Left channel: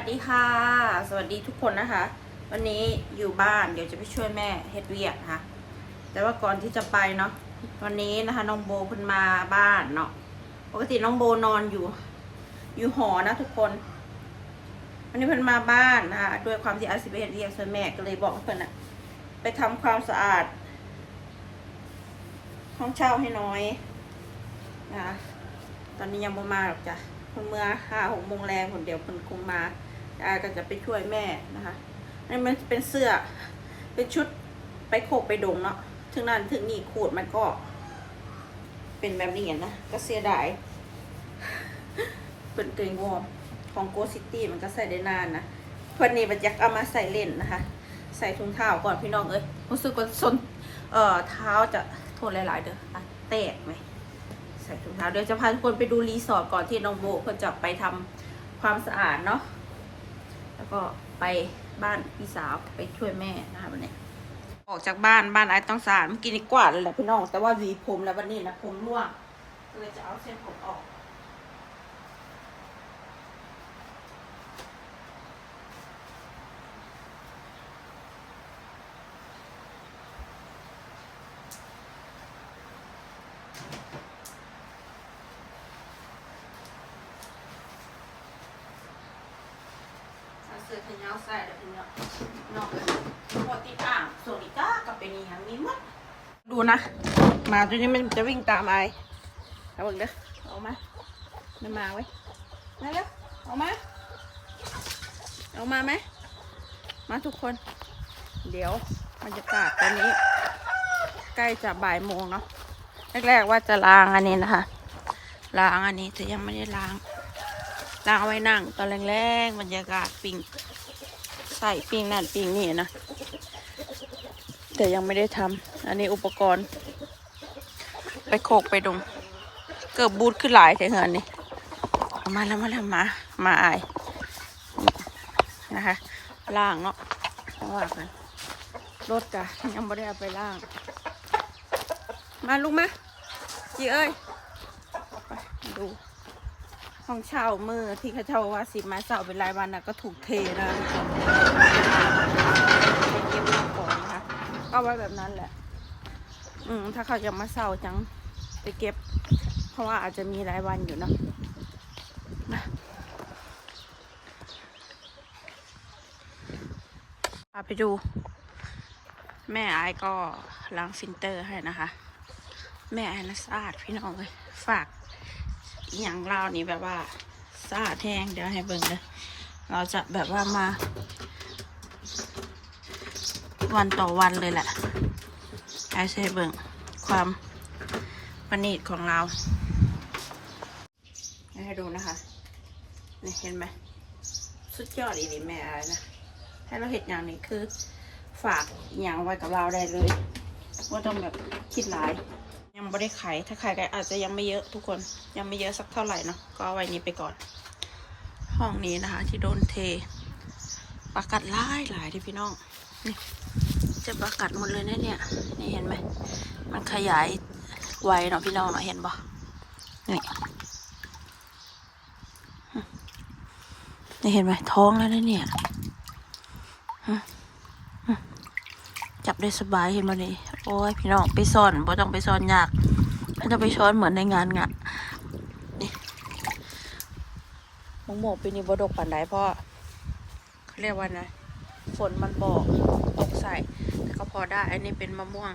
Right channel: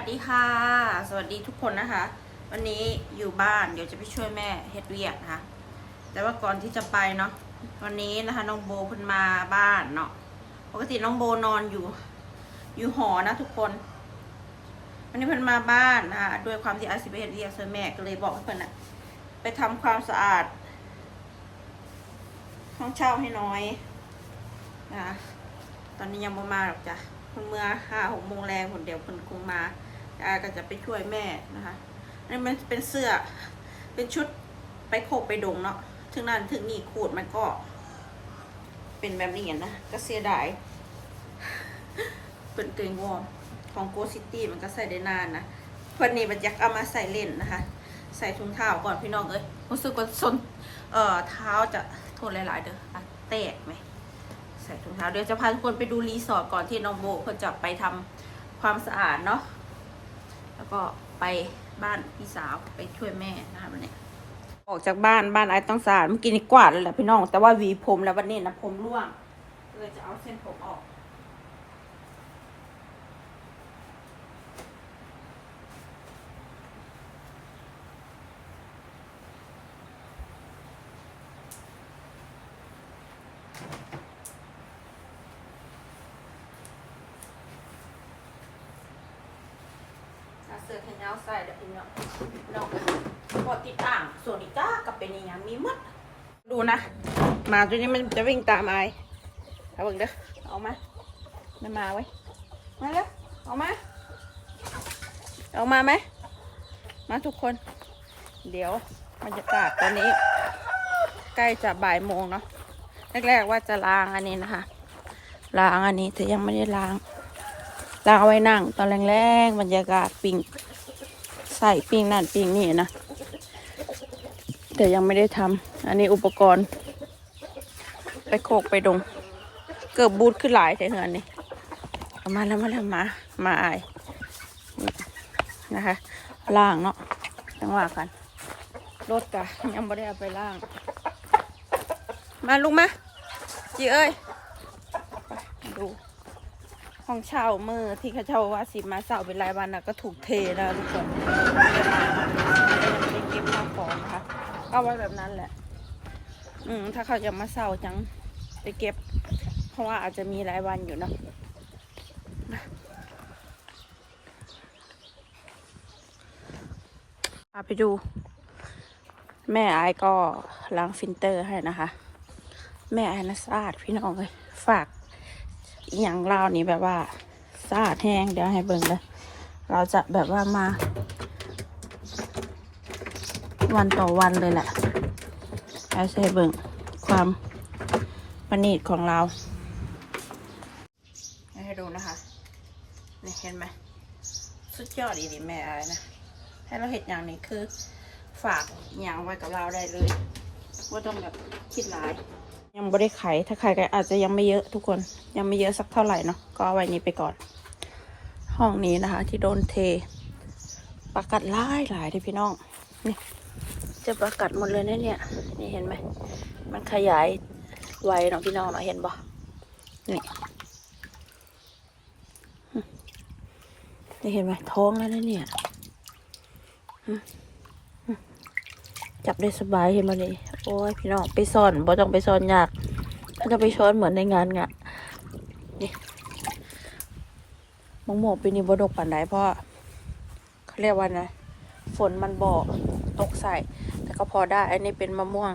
วัสดีค่ะ สวัสดีทุกคนนะคะ วันนี้อยู่บ้านเดี๋ยวจะไปช่วยแม่เฮ็ดเวียกนะคะแต่ว่าก่อนที่จะไปเนาะวันนี้นะคะน้องโบเพิ่นมาบ้านเนาะปกติน้องโบนอนอยู่ อยู่หอนะทุกคน วันนี้เพิ่นมาบ้านนะคะด้วยความที่อาศิไปเฮ็ดเวียกช่วยแม่ก็เลยบอกเพิ่นอะไปทำความสะอาดห้องเช่าให้น้อยนะคะตอนนี้ยังบ่มาหรอกจ้ะ เพิ่นเมื่อห้าหกโมงแรงผลเดี๋ยวเพิ่นคงมาอาก็จะไปช่วยแม่นะคะอันนี้มันเป็นเสื้อ เป็นชุดไปโคกไปดงเนาะ ถึงนั้นถึงนี่ขูดมันก็ เป็นแบบนี้นะ ก็เสียดาย เป็นเกงวอร์มของโกซิตี้มันก็ใส่ได้นานนะเพื่อนนี่มันอยากเอามาใส่เล่นนะคะ ใส่ถุงเท้าก่อนพี่น้องเอ้ยรู้สึกว่าส้นเอ่อเท้าจะทษหลาย ๆ เด้ออะแตกไหม ส่ถุงเท้าเดี๋ยวจะพาทุกคนไปดูรีสอร์ทก่อนที่น้องโบคนจะไปทำความสะอาดเนาะแล้วก็ไปบ้านพี่สาวไปช่วยแม่นะคะวันนี้ออกจากบ้านบ้านไอ้ต้องสะอาดเมื่อกี้นี่กวาดเลยแหละพี่น้อง แต่ว่าหวีผมแล้ววันนี้นะผมร่วงเลยจะเอาเส้นผมออก สื้อแขนยาวใส่เดี๋ยวพี่น้องน้องพอติดอ่างโซนิก้ากับเป็นอยังมีมัดดูนะหมาตัวนี้มันจะวิ่งตามไอ้เอาเบิ่งเด้อเอามาไม่มาไว้มาแล้วเอามาเอามาไหมมาทุกคน เดี๋ยวบรรยากาศตอนนี้ ใกล้จะบ่ายโมงเนาะแรกๆว่าจะล้างอันนี้นะคะ ล้างอันนี้แต่ยังไม่ได้ล้าง ลาไว้นั่ง ตอนแรงๆบรรยากาศปิงใส่ปิงนั่นปิงนี่นะแต่ยังไม่ได้ทำอันนี้อุปกรณ์ ไปโคกไปดง เกือบบูทขึ้นหลายแถวนี้มาแล้วมาแล้วมา มาอายนะคะ ล่างเนาะยังว่ากันรถกะยังไม่ได้เอาไปล่าง มาลุงมาจีเอ้ย ไปดู ห้องเช่าเมื่อที่เขาเช่าว่าสิมาเช่าเป็นรายวันนะก็ถูกเทแล้วทุกคนไม่ได้เก็บข้าวของนะคะก็ไว้แบบนั้นแหละ อืมถ้าเขาจะมาเช่าจังไปเก็บ เพราะว่าอาจจะมีรายวันอยู่เนาะนะพาไปดู แม่ไอ้ก็ล้างซินเตอร์ให้นะคะ แม่ไอ้นะสะอาดพี่น้องเลยฝาก อย่างเรานี่แบบว่าสะอาดแห้งเดี๋ยวให้เบิ่งเลยเราจะแบบว่ามา วันต่อวันเลยแหละให้ใช้เบิ่งความประณีตของเราให้ดูนะคะนี่เห็นไหมสุดยอดอีดีแม่อะไรนะให้เราเห็นอย่างนี้คือ ฝากอย่างไว้กับเราได้เลยว่าต้องแบบคิดหลาย ยังไม่ได้ไขถ้าไขก็อาจจะยังไม่เยอะทุกคนยังไม่เยอะสักเท่าไหร่เนาะก็เอาไว้นี้ไปก่อน ห้องนี้นะคะ ที่โดนเทประกัดหลายหลายที่พี่น้องนี่จะประกัดหมดเลยนะเนี่ย นี่เห็นไหมมันขยายไวเนาะพี่น้องเนาะเห็นปะนี่นี่เห็นไหมท้องแล้วนะเนี่ยจับได้สบายเห็นไหมาดิ โอ้ยพี่น้องไปซ่อนบ่ต้องไปซ่อนยากถ้าจะไปช้อนเหมือนในงานงะนี่มะม่วงปีนี้บ่ดกปานใดเพราะว่าเขาเรียกว่าไงฝนมันบอกตกใส่แต่ก็พอได้อันนี้เป็นมะม่วง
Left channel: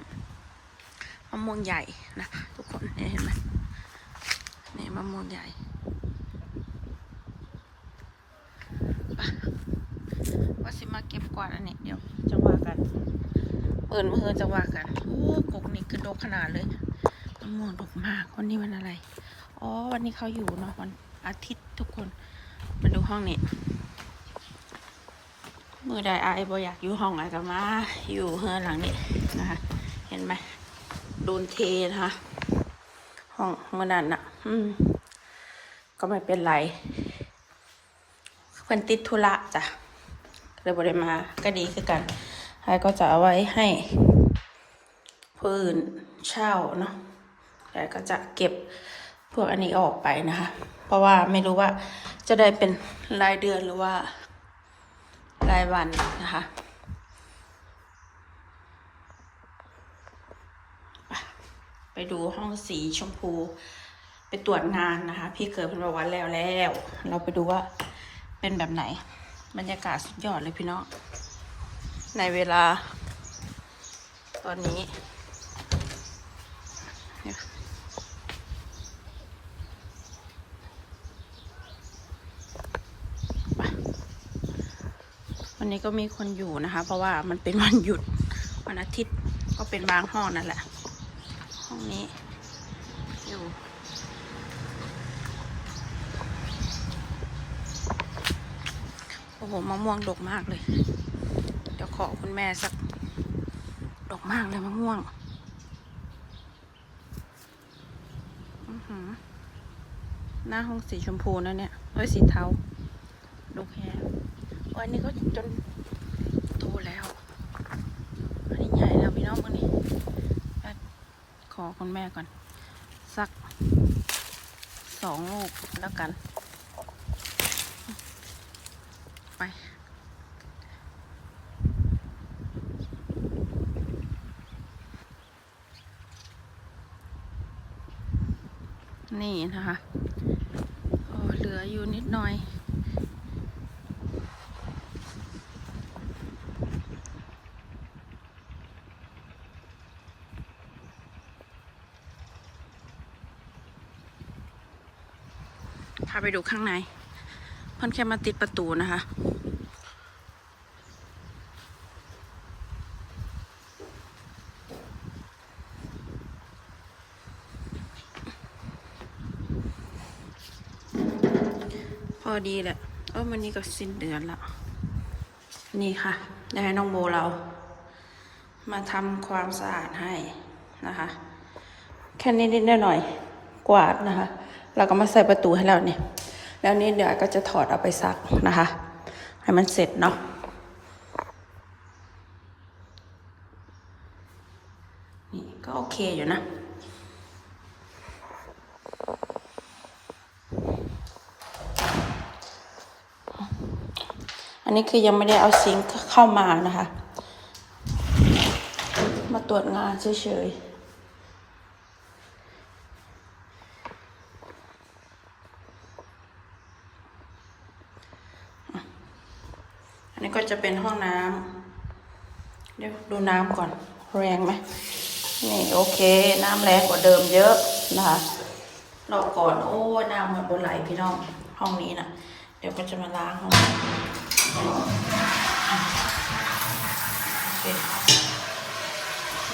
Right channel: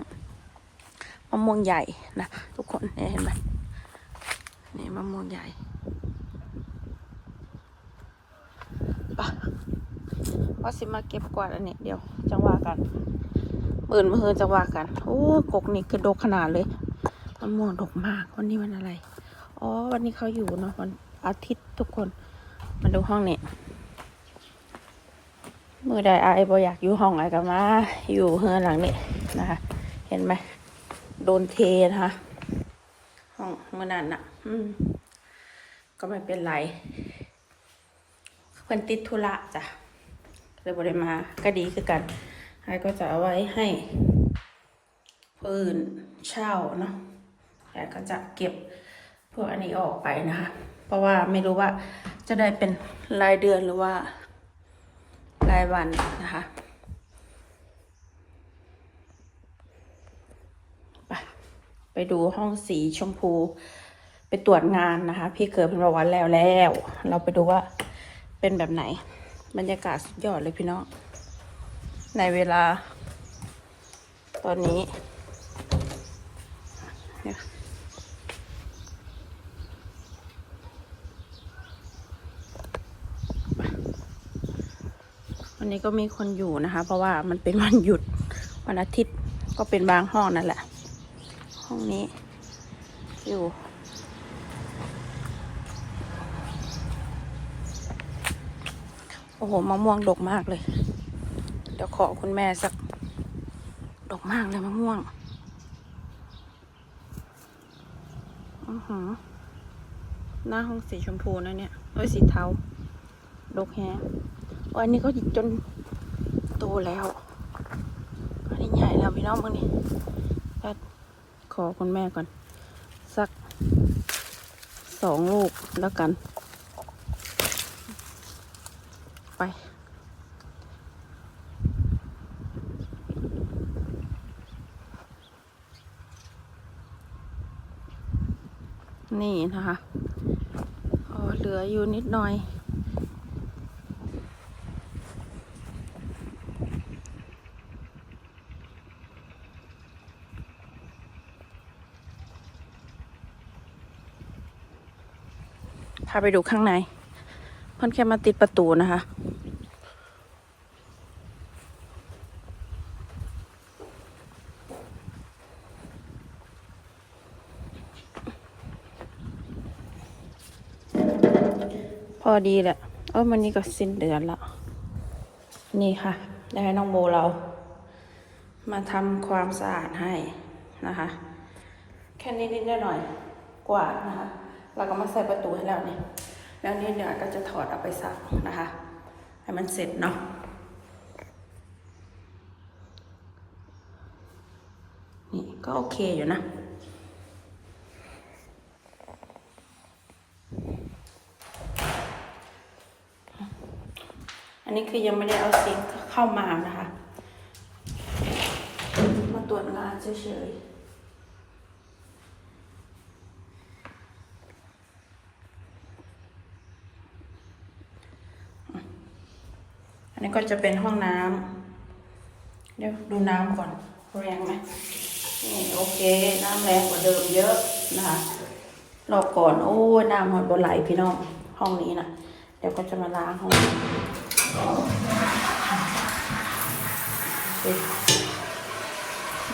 มะม่วงใหญ่นะทุกคนเนี่ยเห็นไหมนี่มะม่วงใหญ่ปะว่าสิมาเก็บกวาดอันนี้เดี๋ยวจะว่ากัน อื่นมือจะว่ากัน โอ้กกนี่คือดกขนาดเลยมะม่วงดกมากวันนี้วันอะไร อ๋อ วันนี้เขาอยู่เนาะวันอาทิตย์ทุกคน มาดูห้องนี้มือใดไอ้บออยากอยู่ห้องไอ้ก็มา อยู่เฮือนหลังนี้นะคะ เห็นไหมโดนเทนะคะห้องเมื่อนั้นน่ะอืม ก็ไม่เป็นไรเพิ่นติดธุระจ้ะเลยบริมาก็ดีคือกัน ไอ้ก็จะเอาไว้ให้ผู้อื่นเช่าเนาะไอ้ก็จะเก็บพวกอันนี้ออกไปนะคะ เพราะว่าไม่รู้ว่าจะได้เป็นรายเดือนหรือว่ารายวันนะคะไปไปดูห้องสีชมพูไปตรวจงานนะคะ พี่เกิดเป็นประวันแล้วแล้ว เราไปดูว่าเป็นแบบไหน บรรยากาศสุดยอดเลยพี่น้อง ในเวลา ตอนนี้วันนี้ก็มีคนอยู่นะคะ เพราะว่ามันเป็นวันหยุดวันอาทิตย์ก็เป็นบางห้องนั่นแหละ ห้องนี้ อยู่โอ้โหมะม่วงดกมากเลย เดี๋ยวขอคุณแม่สักดกมากเลยมะม่วง อือหือ หน้าห้องสีชมพูนะเนี่ยเอ้ยสีเทา ดกแฮะวันนี้เขาหยิบจนโตแล้วอันนี้ใหญ่แล้วพี่น้องมึงนี่ไปขอคุณแม่ก่อน สักสองลูกแล้วกัน ไป นี่นะคะเหลืออยู่นิดหน่อย พาไปดูข้างในเพ่นแค่มาติดประตูนะคะ พอดีแหละเออมันนี่ก็สิ้นเดือนละ นี่ค่ะ ได้ให้น้องโบเรา มาทำความสะอาดให้นะคะ แค่นี้นิดหน่อยกวาดนะคะ เราก็มาใส่ประตูให้แล้วเนี่ยแล้วนี่เดี๋ยวก็จะถอดเอาไปซักนะคะ ให้มันเสร็จเนาะนี่ก็โอเคอยู่นะ อั นนี้คือยังไม่ได้เอาซิงเข้ามานะคะ มาตรวจงานเฉยๆอันนี้ก็จะเป็นห้องน้ำเดี๋ยวดูน้ำก่อน แรงไหมนี่โอเค น้ำแรงกว่าเดิมเยอะนะคะรอบก่อนโอ้น้ำมันบนไหลพี่น้องห้องนี้นะเดี๋ยวก็จะมาล้างห้องนี้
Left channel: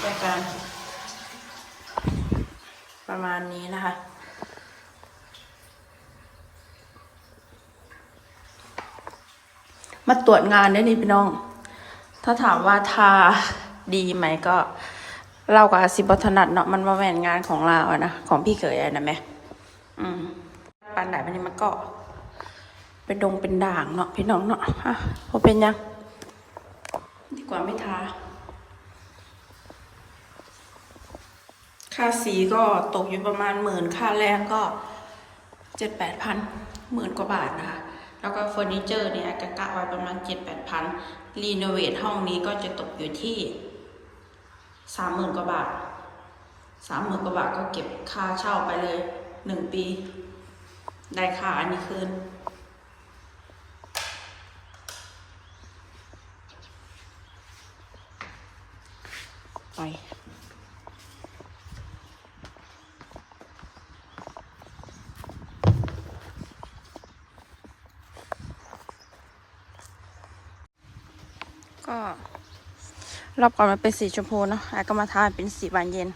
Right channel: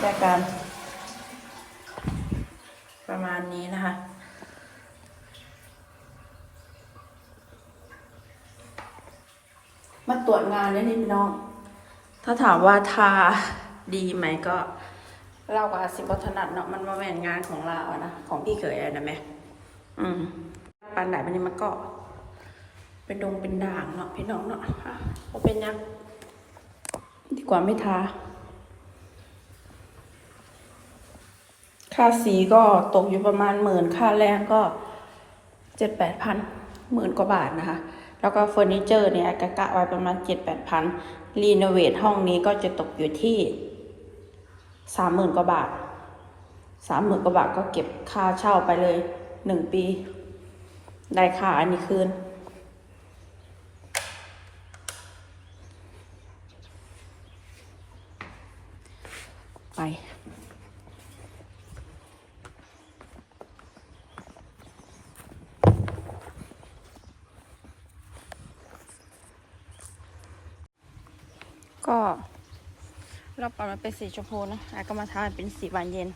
ได้การ ประมาณนี้นะคะ มาตรวจงานได้นี่พี่น้อง ถ้าถามว่าทาดีไหมก็เรากับอาซิบถนัดเนาะมันมาแมนงานของเราอะนะ ของพี่เขยอะนะแม่อืมปันไหนปันนี้มันก็ เป็นดงเป็นด่างเนาะพี่น้องเนาะอะพอเป็นยัง ดีกว่าไม่ทาค่าสีก็ตกอยู่ประมาณหมื่นค่าแรงก็เจ็ดแปดพันหมื่นกว่าบาทนะคะ แล้วก็เฟอร์นิเจอร์เนี่ยกะกะไว้ประมาณเจ็ดแปดพันรีโนเวทห้องนี้ก็จะตกอยู่ที่สามหมื่นกว่าบาทสามหมื่นกว่าบาทก็เก็บค่าเช่าไปเลยหนึ่งปี ได้ค่าอันนี้คืน ไปก็รอบก่อนมันเป็นสีชมพูเนอะไอ้ก็มาทาเป็นสีบานเย็น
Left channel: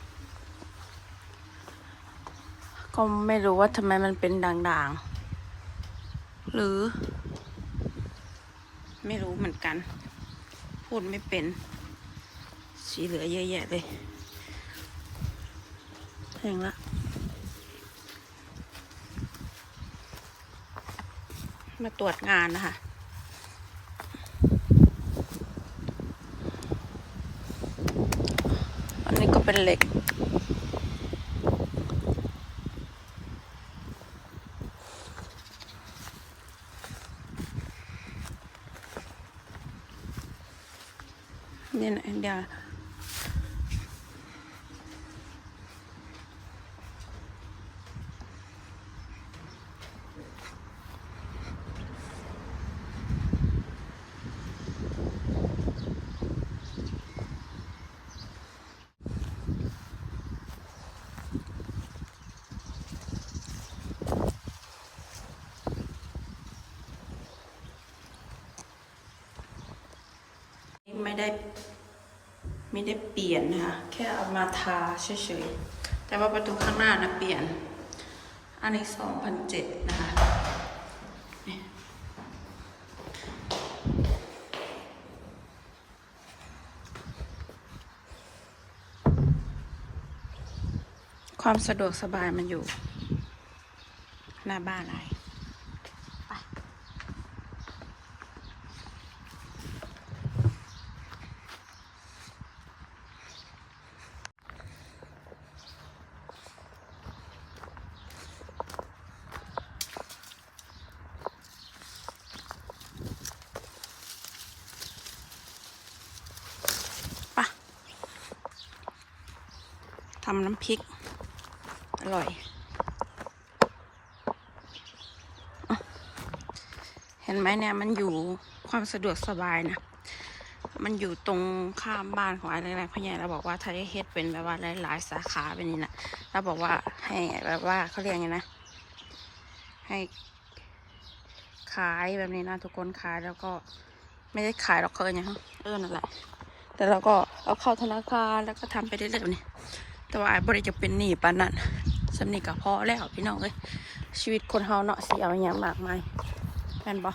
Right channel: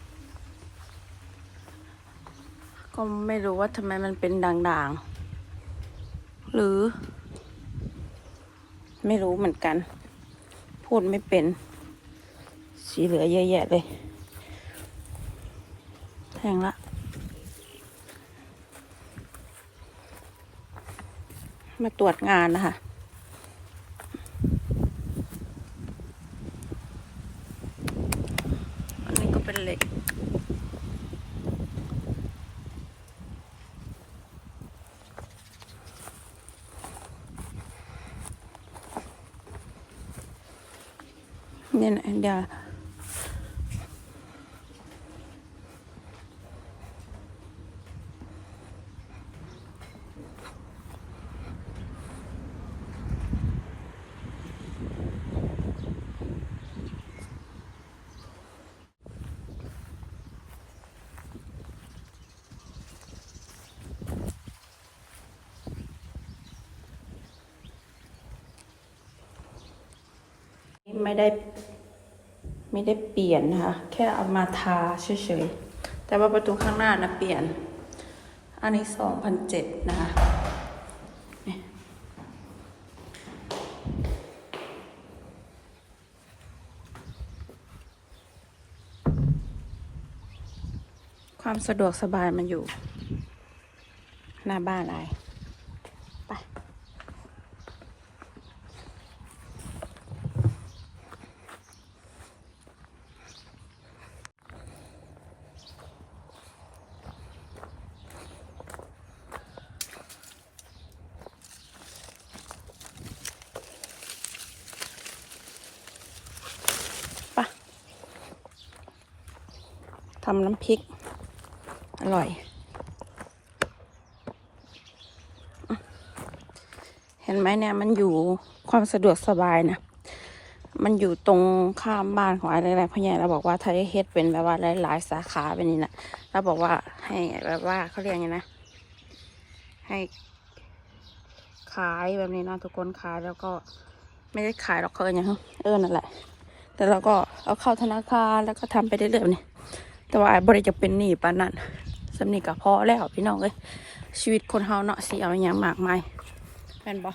ก็ไม่รู้ว่าทำไมมันเป็นด่างๆ หรือ ไม่รู้เหมือนกัน พูดไม่เป็น สีเหลือเยอะแยะเลยแห้งละมาตรวจงานนะคะอันนี้ก็เป็นเหล็กเนี่ยนะเดี๋ยว ไม่ได้ ไม่ได้เปลี่ยนนะคะ แค่เอามาทาเฉยๆ แต่ว่าประตูข้างหน้านะเปลี่ยน อันนี้สองพันเจ็ดนะคะนี่ความสะดวกสบายมันอยู่ หน้าบ้านอะไร ทำน้ำพริก อร่อยอเห็นไหมเนี่ยมันอยู่ความสะดวกสบายนะมันอยู่ตรงข้ามบ้านของอะไรอะไรพ่อใหญ่เราบอกว่าได้เฮ็ดเป็นแบบว่าหลายๆสาขาเป็นนี่นะเราบอกว่าให้แบบว่าเขาเรียกไงนะ ให้ขายแบบนี้นะทุกคนขายแล้วก็ไม่ได้ขายหรอกเขาเอิ้นหยังเออนั่นแหละแต่เราก็เอาเข้าธนาคารแล้วก็ทำไปเรื่อยๆนี่ แต่ว่าบริจะเป็นหนี้ปานนั้นสำนีกับพอแล้วพี่น้องเอ้ยชีวิตคนเฮาเนาะสิเอาอย่างมากมายแม่นบ่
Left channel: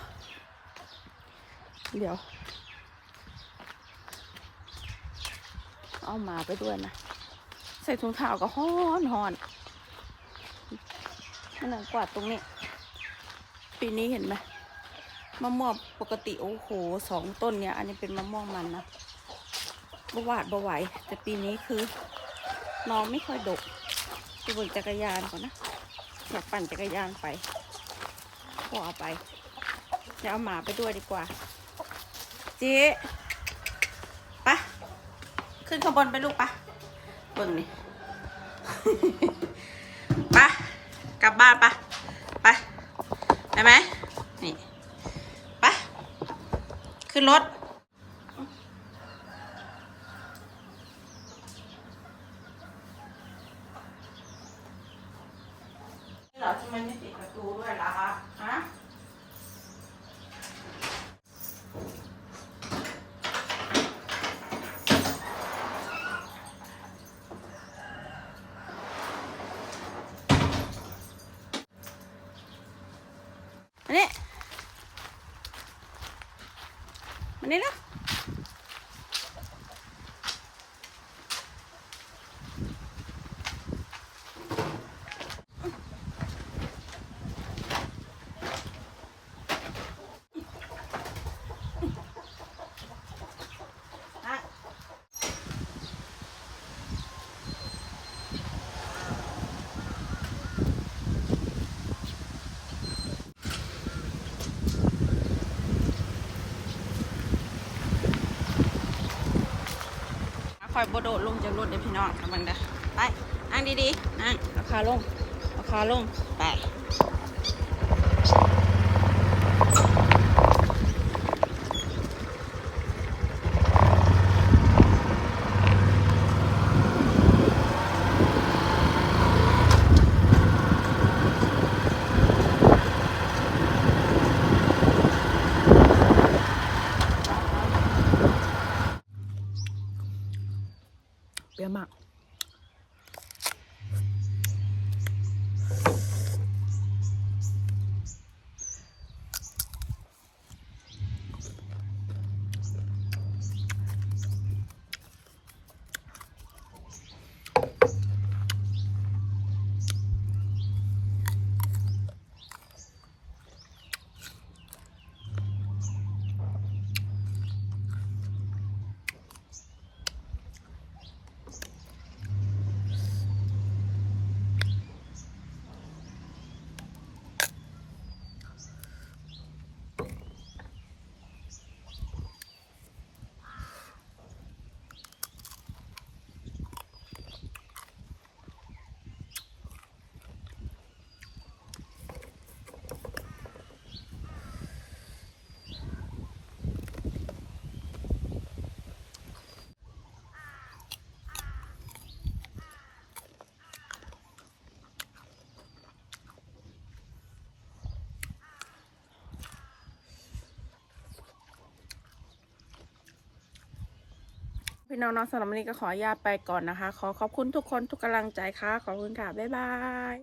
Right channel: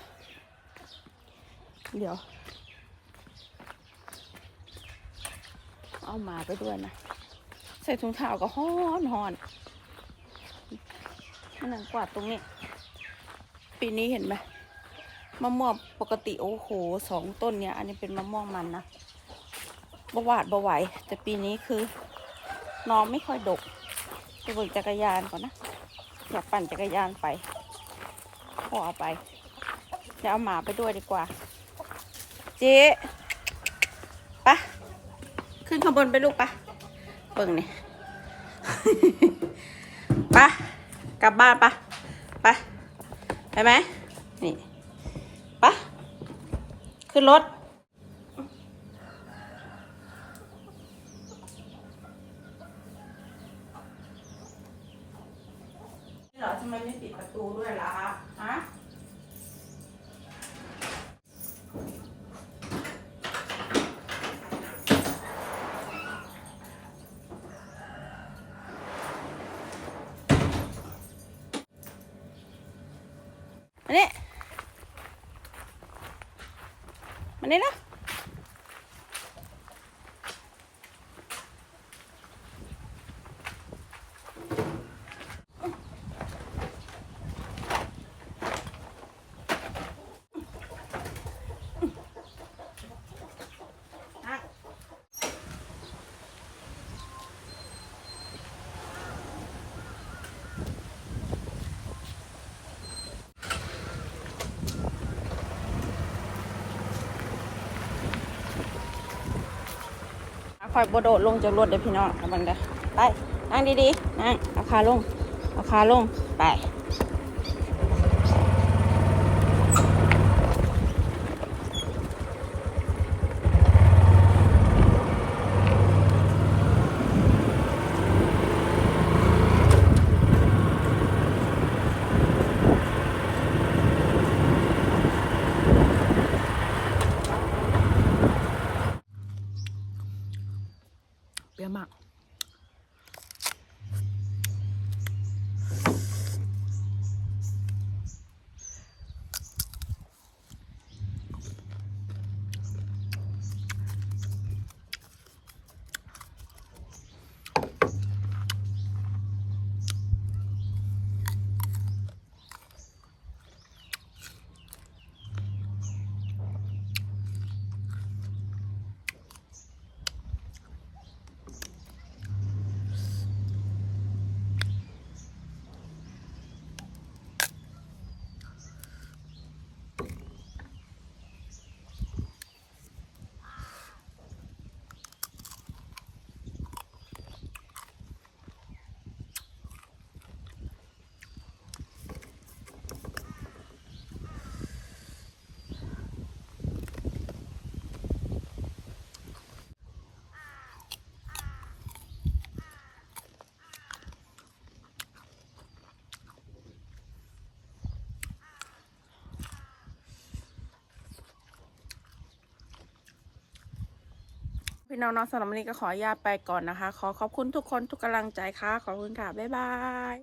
เดี๋ยว เอามาไปด้วยนะ ใส่ถุงเท้าก็ฮ้อนหอนมันนั่งกวาดตรงนี้ ปีนี้เห็นไหมมะม่วงปกติโอ้โหสองต้นเนี่ย อันนี้เป็นมะม่วงมันนะบวาดบไหวแต่ปีนี้คือ น้องไม่ค่อยดกไปบิกจักรยานก่อนนะอยากปั่นจักรยานไปขอเอาไปเดี๋ยวเอาหมาไปด้วยดีกว่า เจ๊ไปะขึ้นข้างบนไปลูกปะเบิ่งนี่ปะกลับบ้านปะไปไปไหมนี่ปะขึ้นรถ เหรอทำไมไม่ปิดประตูด้วยล่ะคะฮะ มานี่ยมานี่ยนะ คอยโบโดลงจากรถเดี๋ยวพี่น้องกำลังเด้อไปนั่งดีๆนั่งเอาขาลงเอาขาลงไป พี่น้องน้องสำหรับวันนี้ก็ขออนุญาตไปก่อนนะคะ ขอขอบคุณทุกคนทุกกำลังใจค่ะ ขอบคุณค่ะ บ๊ายบาย